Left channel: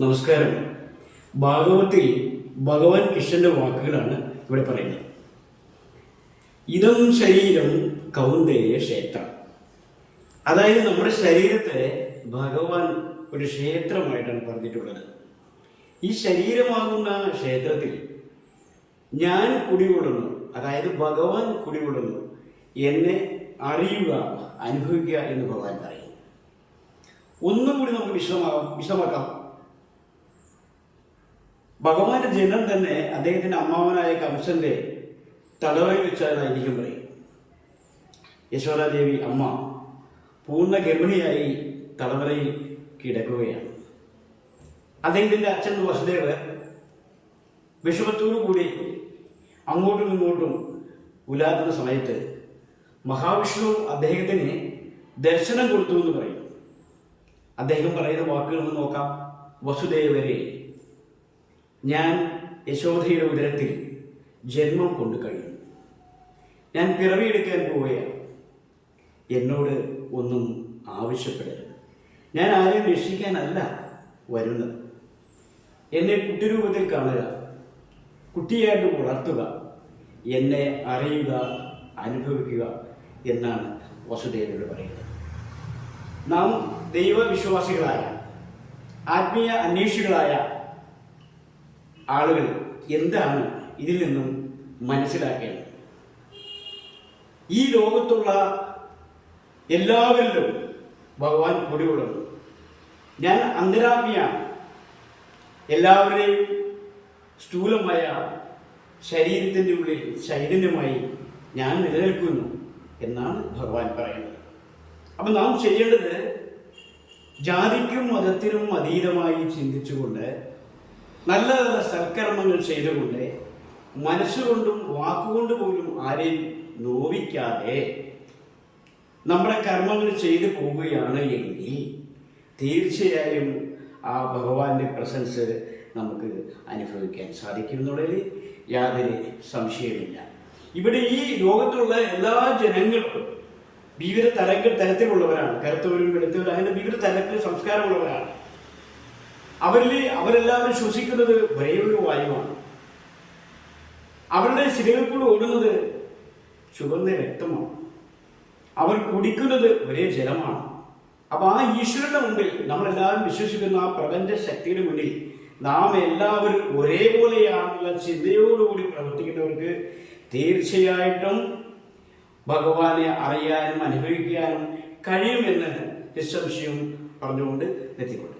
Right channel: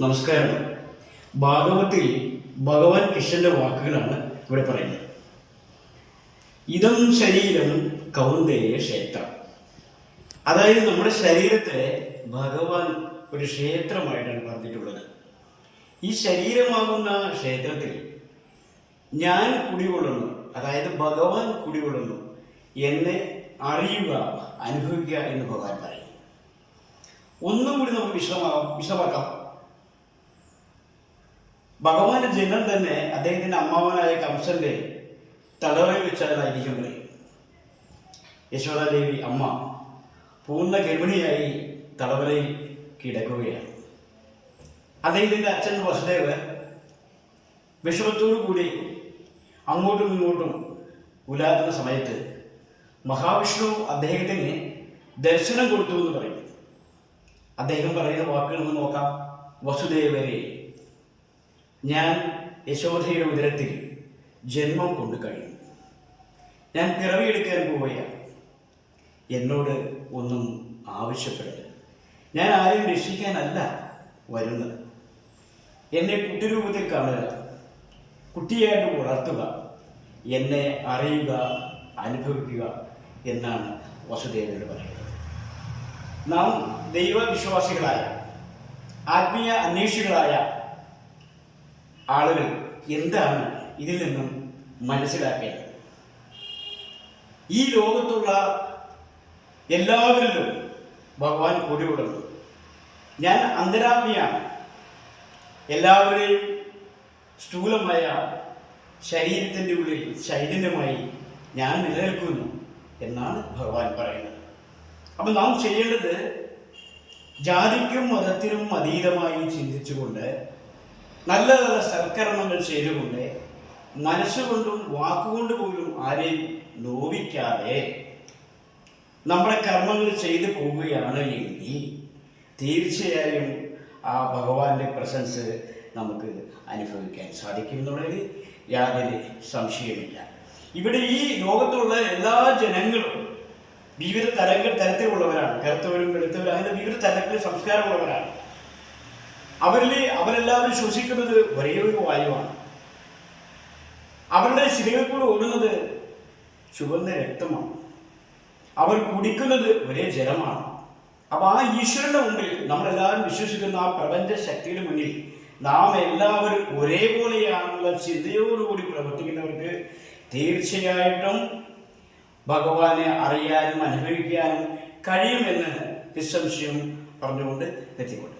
നമസ്കാരം. ഭാഗവത്തിൽ ഭഗവാൻ കൃഷ്ണന്റെ വാക്കുകളാണ് ഇവിടെ പറയുന്നത്. ഇതം ശരീരം കൗന്ദേയ ക്ഷേത്രം. അതായത് നമ്മുടെ ശരീരത്തെ ഭഗവാൻ ഒരു ക്ഷേത്രമായിട്ടാണ് പറഞ്ഞിട്ടുള്ളത്. ഈ ശരീരമാകുന്ന ക്ഷേത്രത്തിൽ ഞാൻ കുടികൊള്ളുന്നു, അതായത് ഭഗവാൻ കുടികൊള്ളുന്നു എന്നെ അറിയുക, അനുഭവിക്കുക എന്ന് ഭഗവാൻ പറയും. ഒന്നും കൂടി നമുക്ക് വിശദമാക്കാം. ഭഗവാന്റെ ജനം തന്നെ അദ്ദേഹത്തിന്റെ അമ്മാവനായ കംസന്റെ തലവറയിൽ വെച്ചതായിരിക്കും പറയും. യശോദാദേവി അമ്മ പൂർണ്ണ ഗർഭിണിയായി തലവറയിൽ കിടക്കുകയാണ്. അദ്ദേഹത്തിന്റെ അച്ഛൻ വസുദേവർ വിഷമത്തോടു കൂടി അങ്ങോട്ടും ഇങ്ങോട്ടും ഉലാകുന്ന സമയത്ത് മഹാവിഷ്ണു അദ്ദേഹത്തിന് ദർശനം കൊടുത്തു എന്ന് പറയും. അദ്ദേഹം പറയുന്ന വാക്കുകൾ നിന്ന് നോക്കാം. വസുദേവരെ, ഞാൻ യശോദയുടെ ഉദരത്തിൽ ജന്മം കൊണ്ടു കഴിഞ്ഞു. ഞാൻ പിറവിയെടുക്കാൻ പോവുകയാണ്. എന്നോട് ഒന്നും ആവശ്യപ്പെടരുത്. ഞാൻ ആരെയും രക്ഷിക്കാനല്ല വരുന്നത്. എന്നെ കുട്ടിരൂപത്തിൽ കാണുക, കുട്ടിയായിട്ട് വളർത്തുക, എന്നെ അറിയുക, അനുഭവിക്കുക എന്നാണ് വസുദേവരോട് പറയുന്നത്. നാം ദൈവവിശ്വാസികളായ ആത്മീയ അന്വേഷികളായ ആളുകൾ എന്താണ് ഇതിൽ നിന്നും മനസ്സിലാക്കേണ്ടത്? ഈ ലോകത്തുള്ള എല്ലാവരിലും ഭഗവാൻ കൂടിയുള്ളത്. ഞാൻ അന്തരാത്മയാണ്. എല്ലാവരുടെയും സ്ഥൂലമായ ശരീരത്തിൻ്റെ ഉള്ളിൽ ചൈതന്യമായി ഞാൻ നിലനിൽക്കുന്നു എന്നാണ് ഭഗവാൻ പറയുന്നത്. അപ്പം നാം ചെയ്യേണ്ടത് ജാതിക്കും മതത്തിനും അതീതമായി ചിന്തിച്ചുകൊണ്ട് നല്ല നല്ല സൽക്കർമ്മങ്ങൾ ചെയ്തുകൊണ്ട് മനസ്സുകൊണ്ടും വാക്കുകൊണ്ട് പോലും ആരെയും നോവിക്കാതെ നമ്മുടെ കർമ്മങ്ങൾ ചെയ്തു പോവുകയാണ് എങ്കിൽ തീർച്ചയായും ആ ഭഗവാന്റെ പ്രസൻസ് നമുക്ക് അനുഭവിക്കാൻ സാധിക്കും എന്നുള്ളതിൽ യാതൊരു സംശയമില്ല. ഇവിടെ ഈ ലോകത്തുള്ള എല്ലാ ജനങ്ങളും വിവിധ തരത്തിലുള്ളവരാണ്. കറുത്തവരും വെളുത്തവരും അങ്ങനെ വിവിധ തരത്തിൽ സംസ്കാരമുള്ളവരാണ്. അവരെല്ലാവരും ശ്വസിക്കുന്നത് ഒരേ ഒരു വായുവാണ്. അവരുടെ ശിരകൾക്കൂടെ ഓടുന്നത് ചുവന്ന രക്തമാണ്. അവർ കുടിക്കുന്നത് ഒരേ ജലമാണ്. അപ്പൊ ആ ഈശ്വരന്റെ മുമ്പിൽ നമ്മളെല്ലാവരും വിശ്വസിക്കുന്ന ആ പ്രപഞ്ച ശക്തിയുടെ മുന്നിൽ നാം എല്ലാവരും ഒരേപോലെയാണെന്നുള്ള ചിന്തയോടുകൂടി പ്രവർത്തിക്കുന്നവർക്ക് തീർച്ചയായിട്ടും ഭഗവാനെ അറിയാനും അനുഭവിക്കാനും കഴിയുമെന്ന് നിസ്സംശയം പറഞ്ഞുകൊണ്ട് എത്തിക്കൊണ്ട്